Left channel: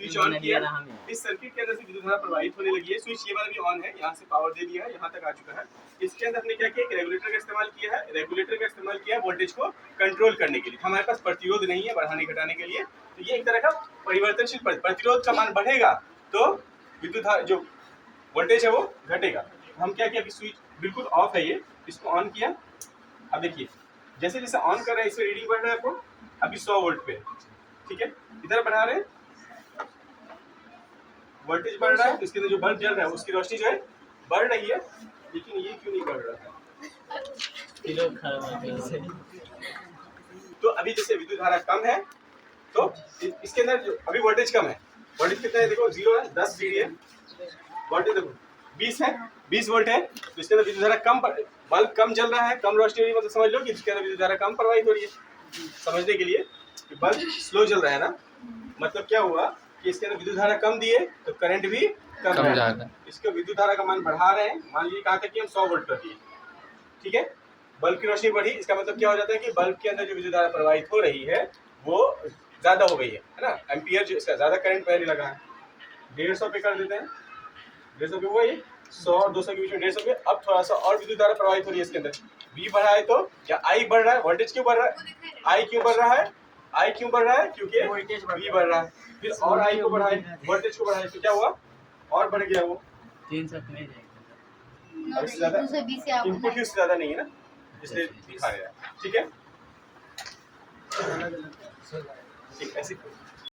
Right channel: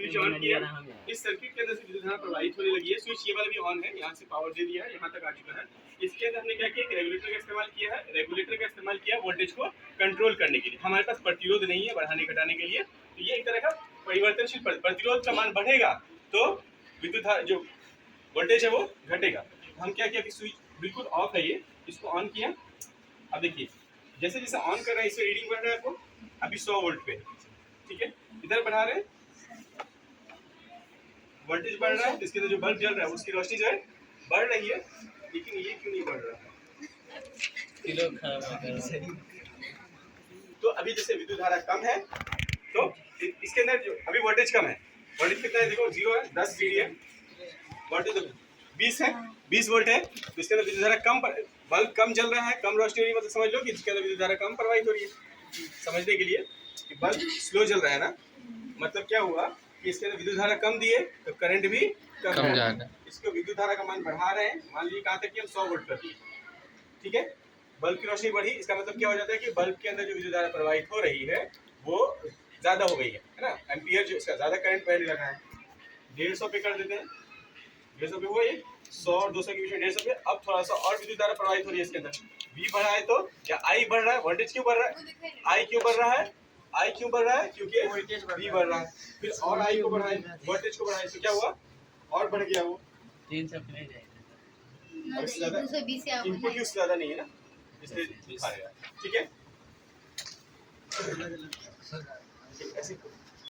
Switch on किया, इस circuit के अंदर से विद्युत धारा प्रवाहित होने लगी है। स्विच ये वाला भी ऑन है, यहाँ से पावर दे दिया है, यहाँ तक आ चुका है। इसके अंदर हमने क्या किया, रेगुलेटर का इस्तेमाल किया है। रेगुलेटर का इस्तेमाल किया वोल्टेज को कंट्रोल करने के लिए। हमारे पास प्रतिरोध नहीं है बढ़ाने घटाने के लिए, तो ये एक तरह का परिवर्तनशील प्रतिरोध का मान बढ़ेगा तो विद्युत धारा जो वोल्टेज है वो घटेगा। हम क्या किया, स्विच बिल्कुल ऑफ है, ये इसको ऑन किया। अब देखिए जैसे जैसे ऑन कर रहे हैं इससे रीडिंग बढ़ रहा है आपको, अभी 100 वोल्ट पे, ठीक है। इधर बढ़ा रहे हैं, वोल्टेज बढ़ रहा है, तो इसके अंदर जो बल्ब जल रहा है उसकी रोशनी जो है बढ़ रही है, लेकिन ये क्यों नहीं बढ़ रहा है? तो अभी जैसे विद्युत धारा कम है तो इसके अंदर जो अभी वोल्टेज कम है, वोल्टेज कितना है देखो, 0 है, 10 VA, वोल्टेज देखो 20 है, 20 वोल्ट है, तो इसके अंदर विद्युत धारा कम, बल्ब कम जल रहा है, कम रोशनी हो रही है, मतलब समझ लो कि इसके अंदर विद्युत धारा कम प्रवाहित हो रही है। समझने के लिए कि बल्ब स्लो जल रहा है ना, मतलब क्या हुआ कि इसके अंदर विद्युत धारा कम दिए तो करंट भी कम जा रहा है। इसका विद्युत धारा का मान बढ़ा रहे हैं, मान लीजिए कहा था कि हम 100 वोल्ट कर दिए, ठीक है। बल्ब की रोशनी बढ़ी, इसका मतलब क्या हो जाता है कि बल्ब के अंदर जो विद्युत धारा प्रवाहित हो रही है वो ज्यादा हो गई है ना, एम्पियर जो इसका ज्यादा करंट पहले लगा है। 150 पे कर देते हैं, 150 पे हुआ ये, 100 और 200 के बीच में 150 पे। अब थोड़ा सा और विद्युत धारा प्रवाहित हो रही है इसके अंदर, V बढ़ा है तो क्या I बढ़ रहा है, वोल्टेज क्यों बढ़ रहा है, I क्यों बढ़ रहा है, I क्यों बढ़ रहा है, क्योंकि V बढ़ रहा है। फिर और I को बढ़ाए, वोल्टेज को बढ़ाए, तो क्या हुआ, और बढ़ गया वो 300 पे ले जाएगा। अब इससे ज्यादा इनपुट उससे ज्यादा नहीं है ना, इसलिए दिखा रहा है, ठीक है। ठीक ऐसे